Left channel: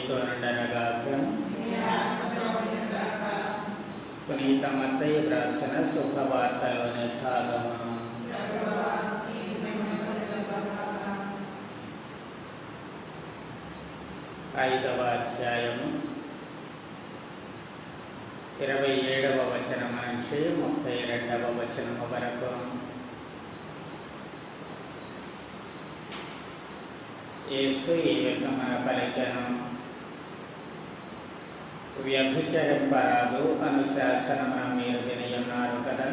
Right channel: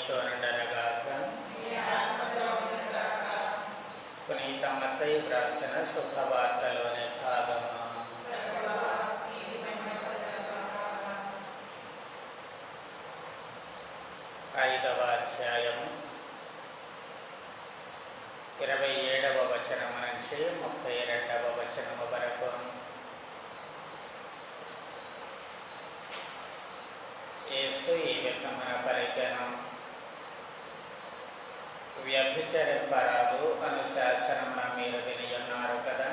మీతో నుండనగాక. పునీత మత్తయి వ్రాసిన శుభవార్తలోని భాగము. 5వ అధ్యాయము 27వ వచనం నుంచి 32వ వచనము వరకు. యేసు ఈ విధమున పలికెను, వ్యభిచరింపరాదు అను శాసనమున మీరు వినియున్నారు కదా.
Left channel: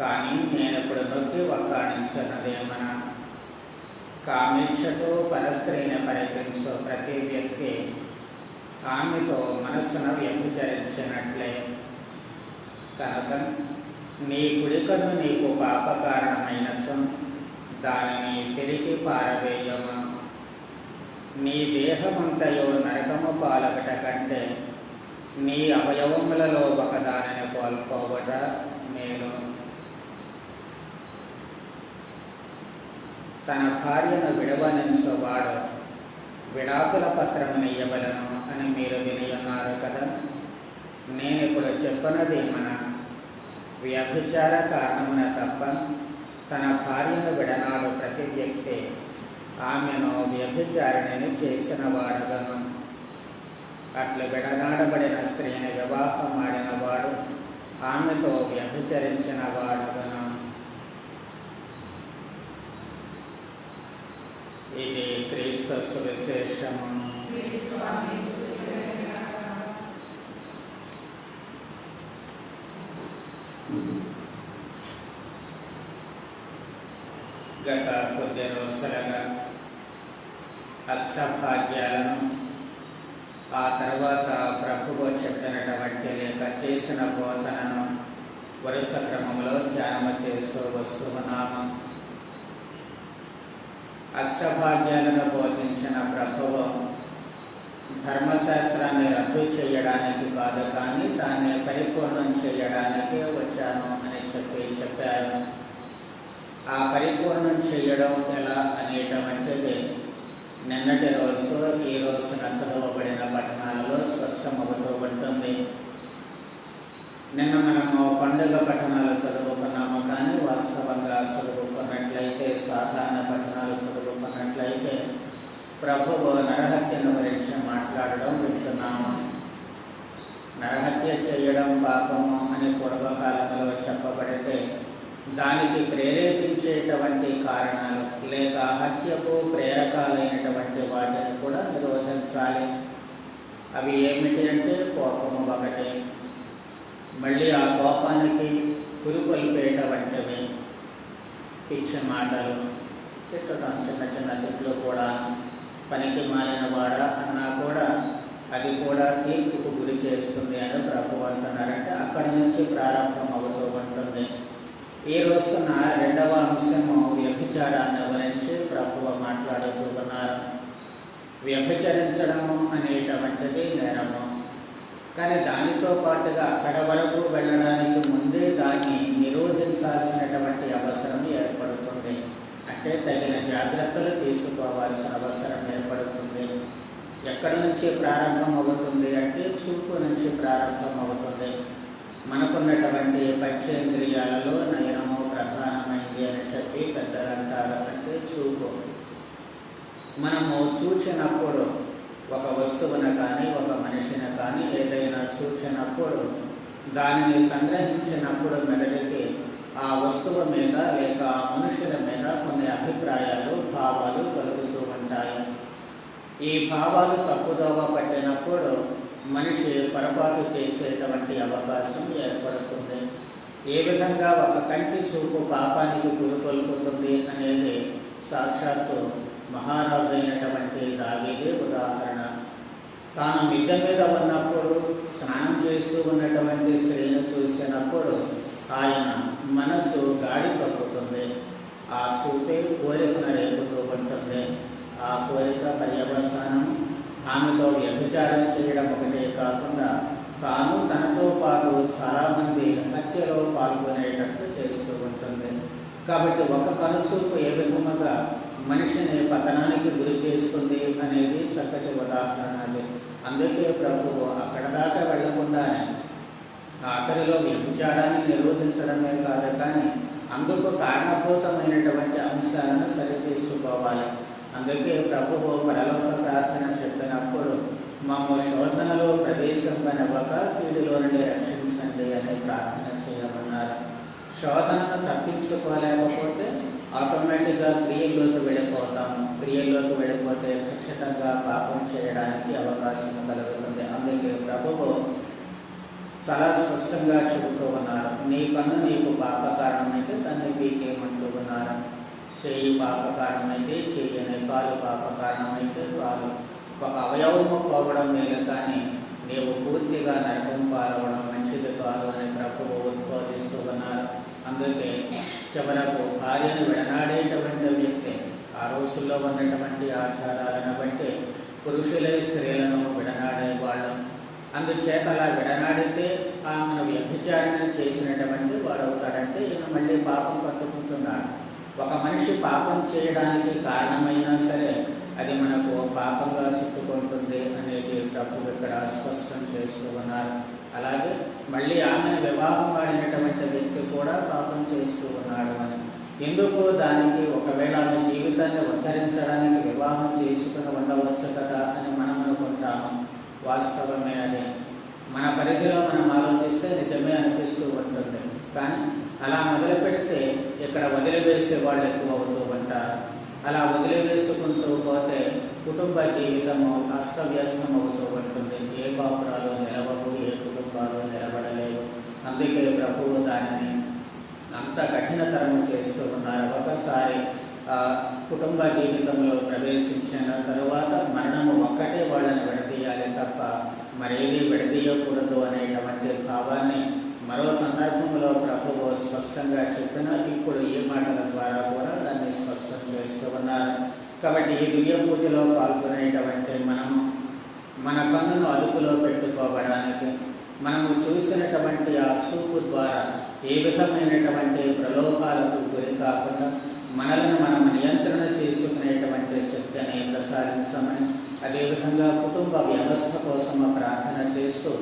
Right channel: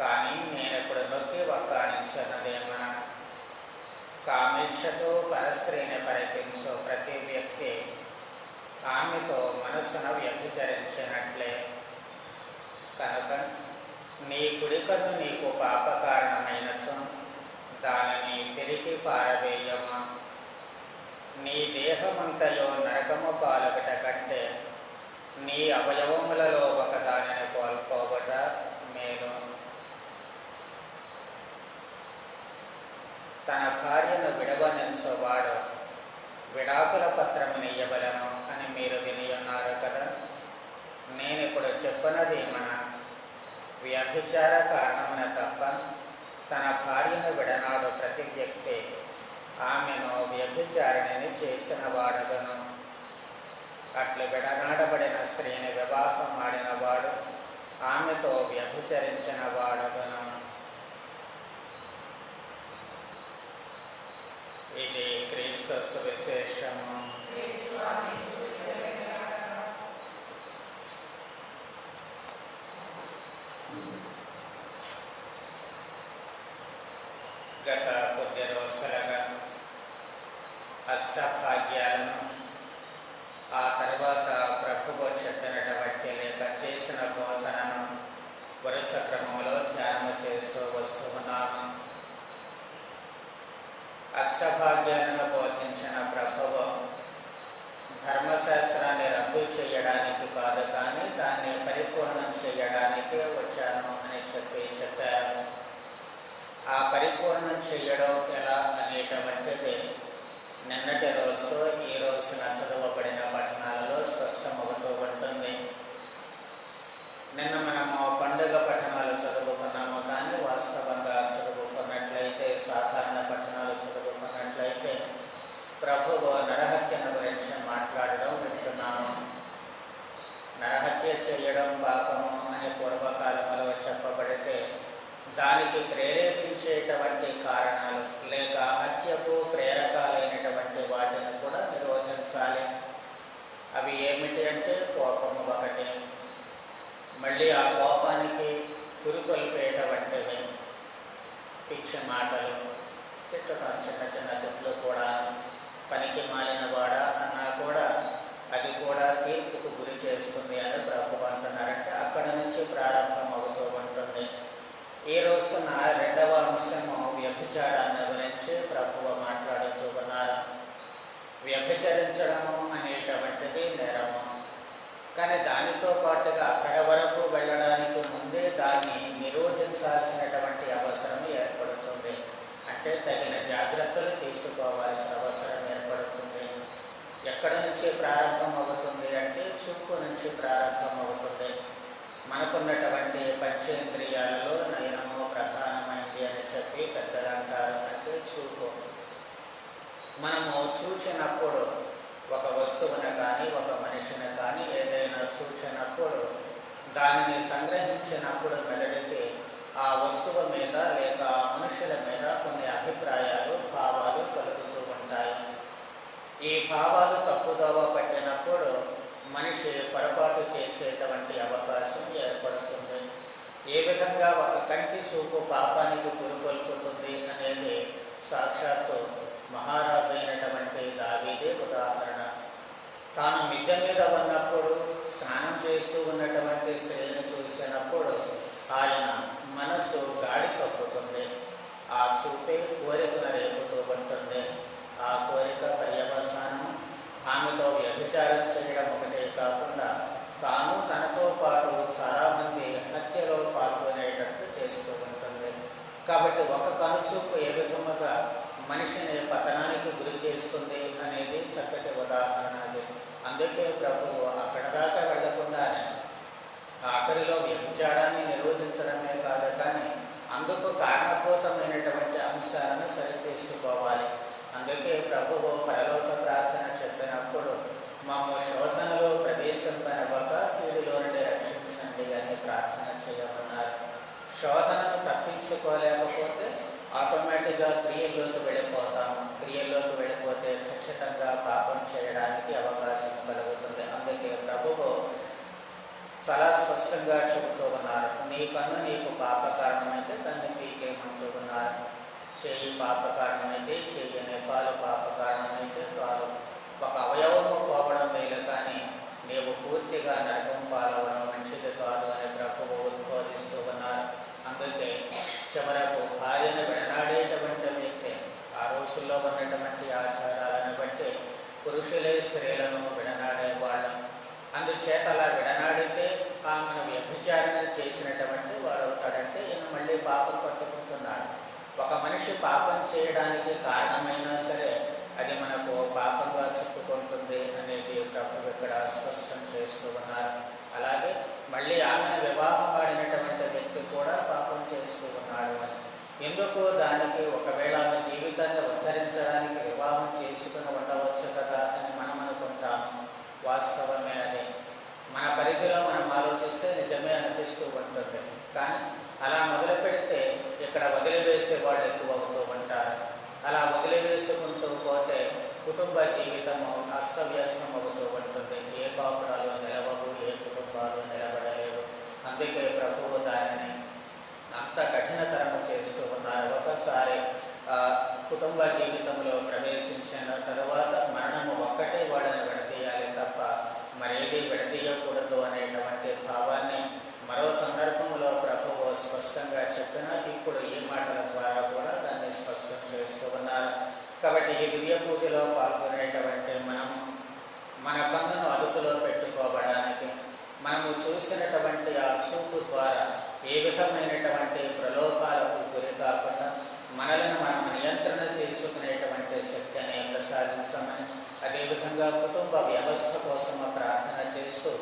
కానీ నేనిప్పుడు నొక్కి వక్కాణించున్నదేమన, కామేచ్ఛతో పరస్త్రీని పరికించు ప్రతి వ్యక్తి ఆమెతో మనస్సును వ్యభిచరించినట్లే. కనుక నీ కుడికను నీకు పాప కారణమైనచో దానిని తిరిగి పారవేయము. నీ దేహమంతయో నరకము పాలగట కంటే నీ అవయవములలో ఒకదానిని కోల్పోవట మేలు. తన భార్యను విడవనించువాడు విడాకుల పత్రమును ఇయ్యవలెను అని మీరు వినియున్నారు కదా. నేనిప్పుడు చెప్పనదేమన, వ్యభిచార కారణమున తప్ప తన భార్యను విడనాడు ప్రతి వ్యక్తి ఆమెను వ్యభిచారిణిని చేసిన వాడుగను. అట్లు విడనాడబడిన స్త్రీని వివాహమాడిన వాడు ఆమెతో వ్యభిచరించిన వాడుగను. ఇది క్రీస్తు సువిశేషము. గత కొద్ది రోజులుగా అష్టభాగ్యాలను, ఆ తర్వాత ప్రభువు చెప్పినటువంటి లేక చేసిన బోధనను వరుస క్రమంలో ధ్యానము చేస్తూ వస్తూ ఉన్నాము. అష్టభాగ్యాలను బోధించిన ప్రభువు ధర్మశాస్త్రాన్ని రద్దు చేయడానికి కాదు, కానీ దాన్ని పరిపూర్ణం చేయడానికే వచ్చాను అని చెప్పారు. ఆ పరిపూర్ణం చేయడం ఎలా అనేటువంటిది నిన్నటి రోజు ఈ రోజున చదవబడిన పఠనాలలో స్పష్టమవుతూ ఉంటుంది. నిన్న మనము పండుగ పఠనాలు చదువుకున్నాము, కానీ వాస్తవంగా చదువుకున్నట్లయితే, సాధారణ పఠనాలు చదువుకున్నట్లయితే ప్రభువు నరహత్యను గురించి మాట్లాడడం వింటున్నాము. నరహత్య చేయడం పాపము అని పూర్వకాలంలో చెప్పబడితే దానికి ప్రేరేపించేటువంటి కారణాలు లేక హత్యకు ప్రేరకాలైనటువంటి వాటిని కూడా నిరోధించాలి. అవి ఏమిటి అంటే కోపము ఒకటి, మళ్ళీ ఆ కోపానికి పురుకొల్పేటువంటివి పిచ్చి మాటలు, తిట్టడం, చిన్న చిన్న తిట్లు కూడా. పనికి మాలిన వాడా అన్నా కూడా అది కూడా తీర్పుకు గురి చేస్తుంది అని ప్రభు అంటున్నారంటే అక్కడి నుంచి ప్రారంభం అవుతూ ఉంటుంది. ఈ రోజున 2వ అంశము వ్యభిచారాన్ని గురించి ప్రభువు మాట్లాడుతూ ఉన్నారు. వ్యభిచరించడము అనేటువంటిది నేరము, కానీ దానితో పాటుగా అక్కడ వరకు వెళ్ళడానికి ముందే దాన్ని నిరోధించాల్సినటువంటి అవసరం ఏర్పడుతుంది. అంటే తగిన జాగ్రత్తలు తీసుకోవాల్సిన అవసరం ఏర్పడుతుంది. ఎక్కడి నుంచి ప్రారంభం అవుతుంది అంటే చూపు నుంచి ప్రారంభం అవుతుంది. మనకున్నటువంటి పంచేంద్రియాలలో నయనము ప్రధానమైంది అని చెప్పి పెద్దలు అంటారు. అంటే చూపు. మనము చూచినప్పుడు ఒక వస్తువును కానీ ఒక మనిషిని కానీ ఏదైనా చూచినప్పుడు దానిని సంగ్రహించినప్పుడు మెదడికి ఆ వస్తువు మీద లేక ఆ మనుషుల మీద కొన్ని అభిప్రాయాలు, భావాలు కలుగుతూ ఉంటాయి. ఈ భావాలు తప్పుదోవ పట్టినప్పుడు మనిషి పొరపాటు చేసేటువంటి అవకాశం ఏర్పడుతుంది. ఏ విధంగా ఒక కంటి చూపు పాపానికి పురుకొల్పుతుంది అనేది సాక్షాత్తు మహారాజు అయినటువంటి దావీదే ఉదాహరణ. తాను మిద్దె మీద ఉన్నప్పుడు స్నానం చేస్తూ ఉన్నటువంటి స్త్రీని చూసినప్పుడు ఆయన మనస్సు గాడి తప్పుతుంది. ఆ చూపే కోరికను రేపుతూ ఉంటుంది. ఆ కోరిక పర్యవసానం ఆమెతో వ్యభిచారం చేయడం ఒకటే కాకుండా తాను తనతో పాటు చాలామంది హత్యలో పాల్గొనేటట్టు చేస్తూ ఉంటుంది. కాబట్టి ఒక కనుచూపు ఏ విధముగా మనిషిని పతనానికి గురి చేస్తుంది అనేది చక్కటి ఉదాహరణ అది. అందుకే ప్రభువు అక్కడ దాకా వెళ్లకుండానే ఆఖరిలో వ్యభిచారాన్ని నిరోధించడమే కాదు, కానీ అందుకు కారణభూతమైనటువంటి అంశాలను సరిచేసుకోవాలి. అందుకే ప్రభువు పరలోక ప్రార్థన చెప్పినప్పుడు మమ్మ శోధనలో ప్రవేశింపనివ్వక కీడులో నుండి రక్షించండి అని ప్రార్థన చేయమన్నారు. శోధనను తప్పించుకోలేకపోతే ఆటోమేటిక్గా క్రియల్లోకి వెళ్ళిపోతాము. క్రియల్లోకి వెళ్ళిపోతే ఖచ్చితంగా పాపం చేయడానికి అవకాశం కలుగుతుంది. అందుకే ప్రభువు చాలా స్పష్టంగా చెబుతూ ఉన్నారు, నీ కన్ను నీకు పాప కారణమైతే దాన్ని పీకేయమంటూ ఉన్నారు. చెయ్యి పాప కారణమైతే చెయ్యని, కాలు పాప కారణమైతే కాలు. ఒక అవయవము పోవడం మేలు, కానీ నీవు పూర్తిగా నరకం పాలవడం మంచిది కాదు అని ప్రభువు ఉద్బోధిస్తూ ఉన్నారు. అందుకే చివరకు భార్యను విడనాడేటువంటి వ్యక్తి ఆ రోజుల్లో ఉన్నటువంటి ఆచారాలను బట్టి పురుషులే స్త్రీలను విడనాడేవాళ్ళు. అందుచేత అలా విడనాడితే ఆమెను వ్యభిచారణ చేసినటువంటి వాడు అవుతాడంటే ఈయన మళ్ళీ పాపం పట్టుకుంటున్నాడు. ఒక మనిషి పాపం చేయడానికి కారణమైనా సరే అది మనకు పాపంగా చుట్టుకుంటుంది అనేది ప్రభువు ఇక్కడ స్పష్టం చేస్తూ ఉన్నారు. అలాగే మళ్ళీ ఆమెను వివాహం ఆడినటువంటి వ్యక్తి కూడా పాపం చేస్తూ ఉన్నాడు అని. ఎందుకు దానికి ఒకవేళ ఆమె జీవితాన్ని ఉద్ధరించడానికి వివాహం చేసుకుని ఉండవచ్చు కదా అని మనం అనుకుంటాము. వాస్తవమే అది. మన పరిధిలో మనం ఆలోచిస్తే నిజమే అనిపిస్తూ ఉంటుంది. కానీ అలా మొదలు పెడితే ఇక్కడ వదిలివేసే వాళ్ళు ఎక్కువ అవుతూ ఉంటారు. అలా వదిలివేసుకుంటూ పోతే కుటుంబ జీవితము అస్తవ్యస్తం అవుతూ ఉంటుంది. ఏ కాపురాలు నిలవవు, ఏ కుటుంబాలు నిలబడలేవు. అందుకే ప్రభువు దానిని అంత కఠినతరము చేస్తూ ఉన్నారు. ఒకసారి కుటుంబ జీవితంలో ప్రవేశించిన తరువాత మరణము ఒక్కటే వాళ్ళని విడదీయాలి తప్ప మరేది విడదీయకూడదు అనేటువంటి భావాన్ని మరో సందర్భంలో ప్రభువు స్పష్టంగా చెప్పినా ఇప్పుడు ఈ మాటల ద్వారా కూడా దాన్ని స్పష్టం చేస్తూ ఉన్నారు. కాబట్టి ఈ దివ్య పూజలో పాల్గొనేటువంటి మనము మన కన్నును అదుపులో పెట్టుకోవడానికి, మనము చూసినటువంటి ఆ చూపు ద్వారా ఏ విధమైనటువంటి ప్రలోభాలకు గురి కాకుండా మనలను మనము నియంత్రణ చేసుకునేటువంటి శక్తిని ప్రసాదించమని, అదేవిధంగా కుటుంబ వ్యవస్థ కోసం ప్రార్థన చేస్తూ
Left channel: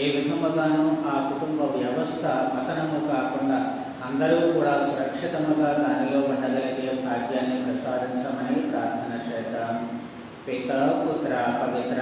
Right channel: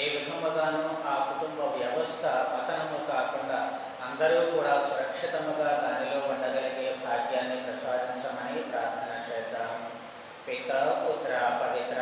ఏ విధముగానూ ఆ కుటుంబ వ్యవస్థ పతనము కాకుండా అందరూ కూడా సురక్షితముగా దానిలో ఉండగలిగే భాగ్యాన్ని ప్రసాదించమని ప్రార్థన చేద్దాం. పిత పుత్ర పవిత్ర